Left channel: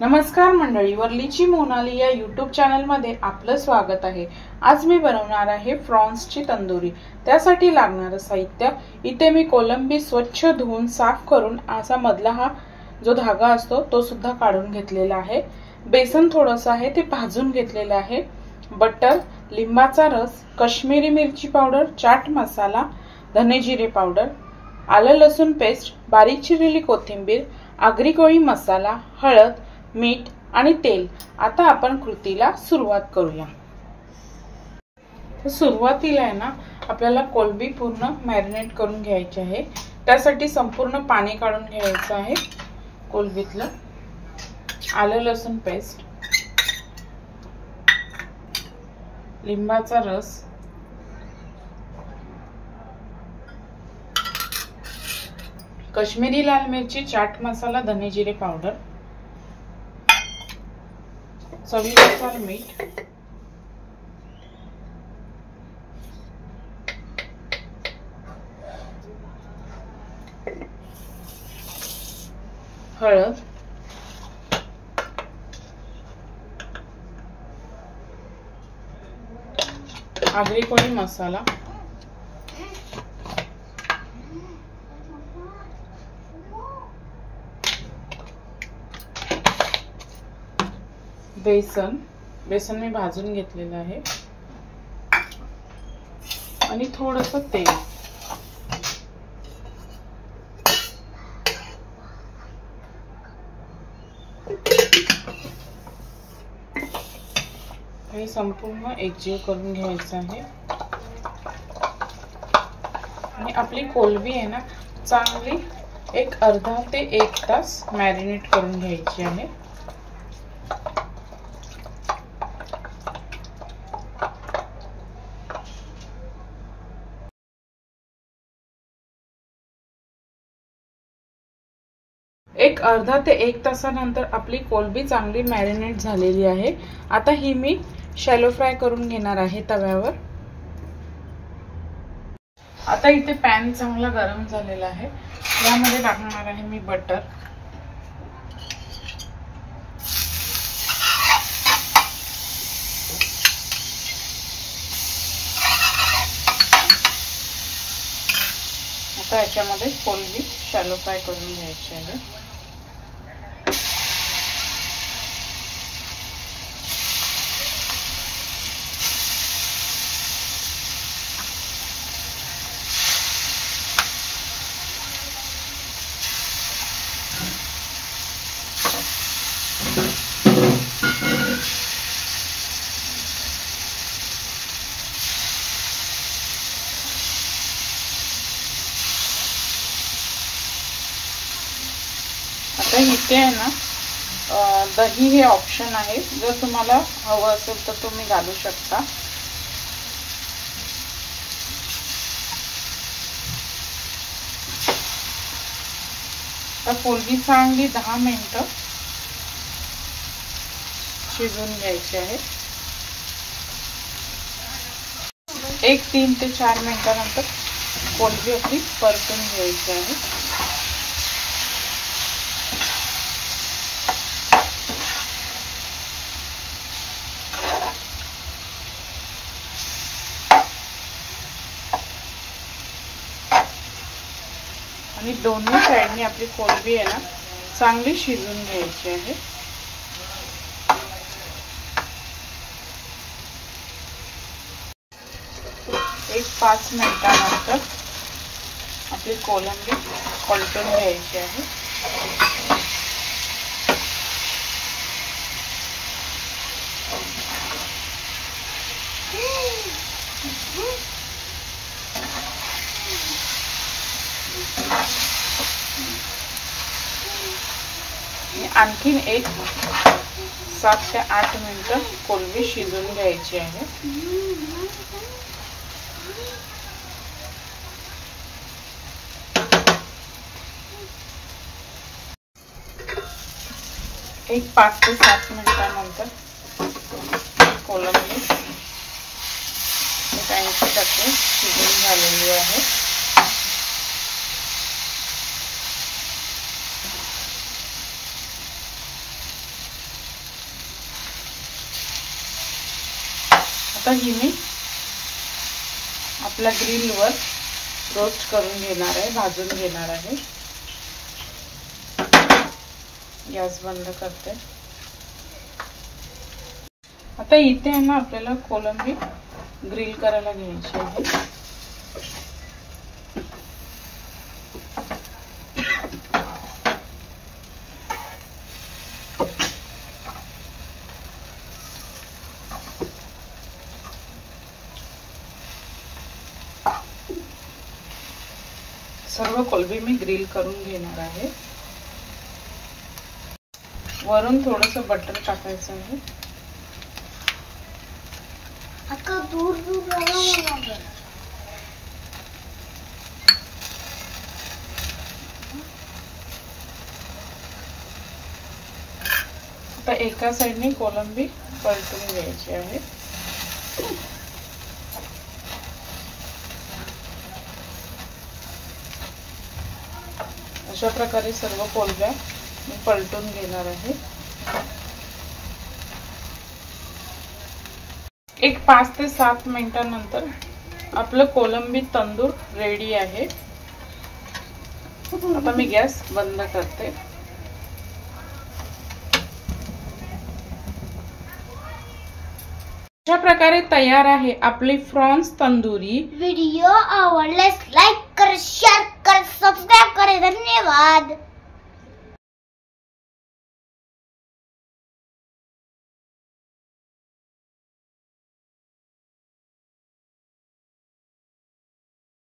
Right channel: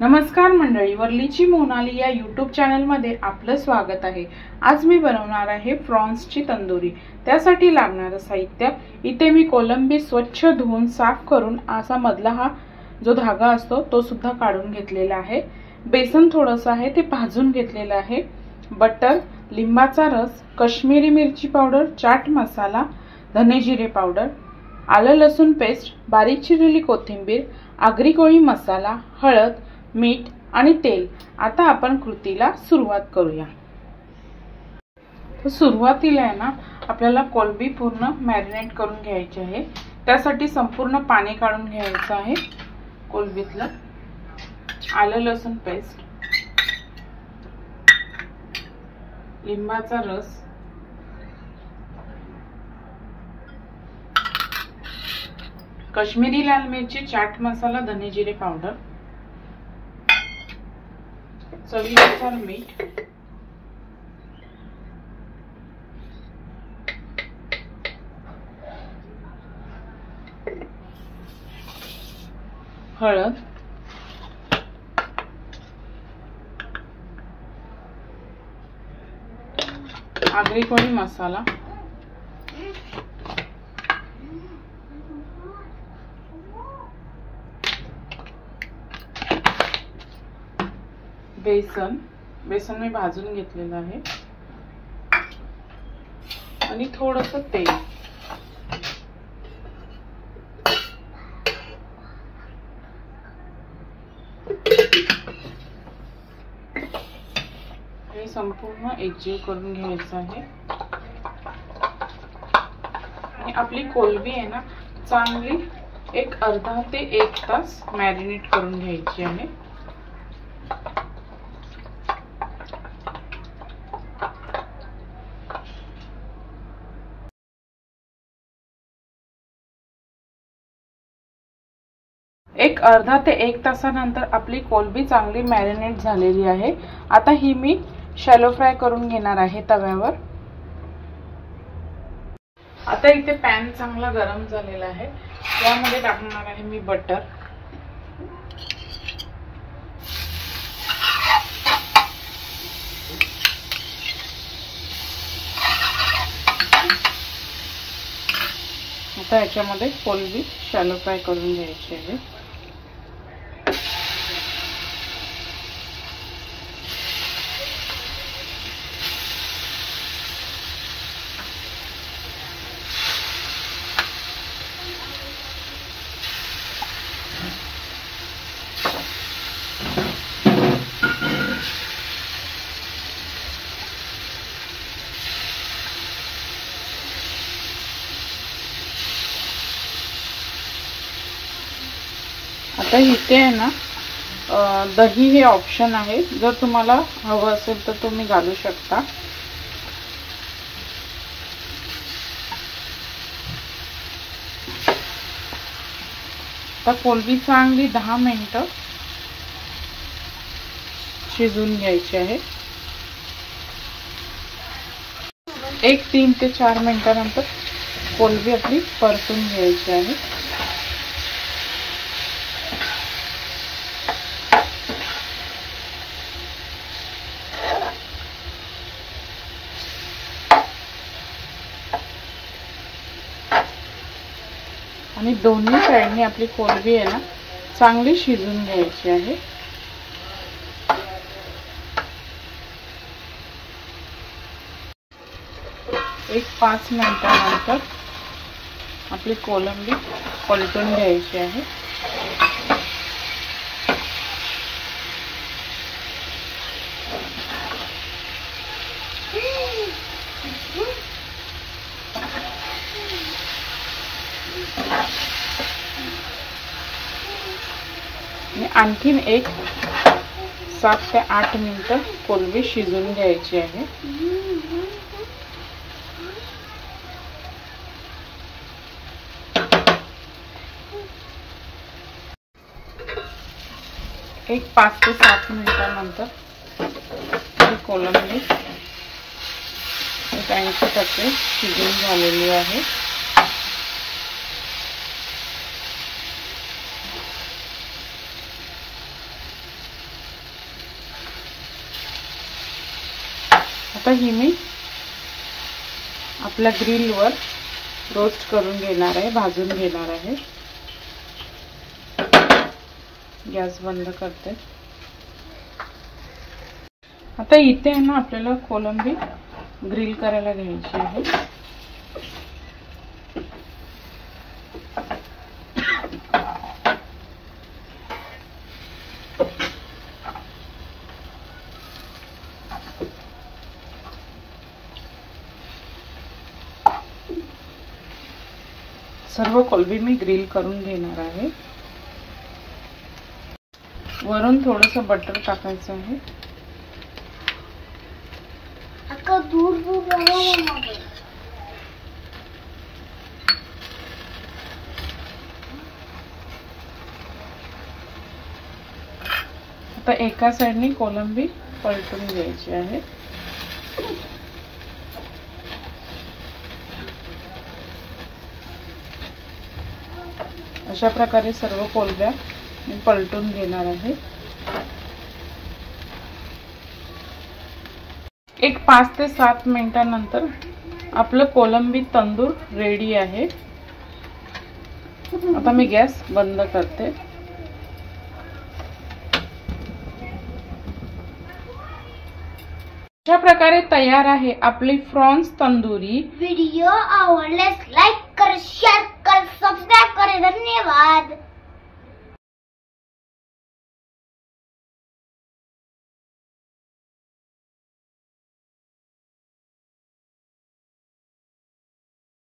नमस्कार मंडळी, वर्लीची मोनाली या यूट्यूब चॅनलमध्ये आपलं स्वागत आहे। आज मी बनवणार आहे प्रॉन्सची तंदुरी। त्यासाठी लागणारे साहित्य इथे मी कोलंबी स्वच्छ धुवून साफ करून असा मधला हा जो धागा असतो तो सुद्धा काढून घेतलेला आहे। बेसन थोडंसं आहे ते भाजून घेतलेलं आहे। बटर, लिंबाचा रस, काश्मीरी मिरची पावडर, चाट मसाला, धने जिरे पावडर, आलं लसूण पेस्ट, बारीक चिरलेली कोथिंबीर, आगरी कोळी मसाला, हळद, मीठ आणि तेल। आता आपण कृतीला सुरुवात करूया। सुरुवातीला आहे ना आपल्याला कोलंबी पूर्ण मॅरिनेट करून घ्यायची आहे। त्यासाठी संपूर्ण पाणी काढून घ्यायचं आहे कोलंबीतलं। आलं लसूण पेस्ट, लिंबाचा रस, काश्मीरी लाल मिरची, चाट मसाला, धने जिरे पावडर, चवीनुसार मीठ, हळद, आगरी कोळी मसाला, बेसन मी भाजून घेतलेलं आहे आणि थोडंसं तेल। हे संपूर्ण एकजीव करून घ्यायचं आहे आणि आपली कोलंबी आहे ना चांगली एक अर्धा ते 1 तास मॅरिनेट करून घ्यायची आहे। एक अर्धा ते 1 तासानंतर आपली कोलंबी चांगली मॅरिनेट झालेली आहे। आता ही मी शॅलो फ्राय करून घेणार आहे तव्यावर। आता इथे पॅन चांगला गरम झालेला आहे। यामध्ये टाकणार आहे मी बटर, आता याच्यामध्ये कोलंबी शॅलो फ्राय करून घ्यायची आहे। आता इथे आहे ना दही हे ऑप्शन आहे, जर तुम्हाला हवं असेल तर तुम्ही घालू शकता। आता कोलंबी चांगली 10 मिनिटं शिजवून घ्यायची आहे। 3 ते 4 मिनिटांनंतर कोलंबी आपली परतून घ्यायची आहे। आणि दोन्ही साइडने आपली कोलंबी आहे ना चांगली शिजवून घ्यायची आहे। एक 5 मिनिटांनंतर आपली कोलंबी पलटून घ्यायची आहे। आणखीन एक 7 ते 8 मिनिटं कोलंबी शिजवून घ्यायची आहे। एक 5 ते 7 मिनिटांनंतर कोलंबी 80% शिजून झालेली आहे। आता ही मी आपल्या ग्रिलवर रोस्ट करून घेणार आहे, भाजून घेणार आहे। गॅस बंद करते। आता इथे आहे ना आपल्याला कोलंबी ग्रिल करायला घ्यायची आहे। सर्व कोलंबी मी ग्रिल करून घेणार आहे। वरून थोडंसं बटर टाकायचं आहे। आता दूर दूर राहावं लागेल। आता एका साइडने कोलंबी परतून घ्यायची आहे। अशा प्रकारे सर्व कोलंब्या मी पलटून घेणार आहे। एक 5 ते 7 मिनिटांनंतर आपलं कोलंबी तंदूर रेडी आहे। आता मी गॅस बंद करते। अशा प्रकारे तयार आहे आपली प्रॉन्स तंदुरी। व्हिडिओ आवडल्यास लाईक करा, शेअर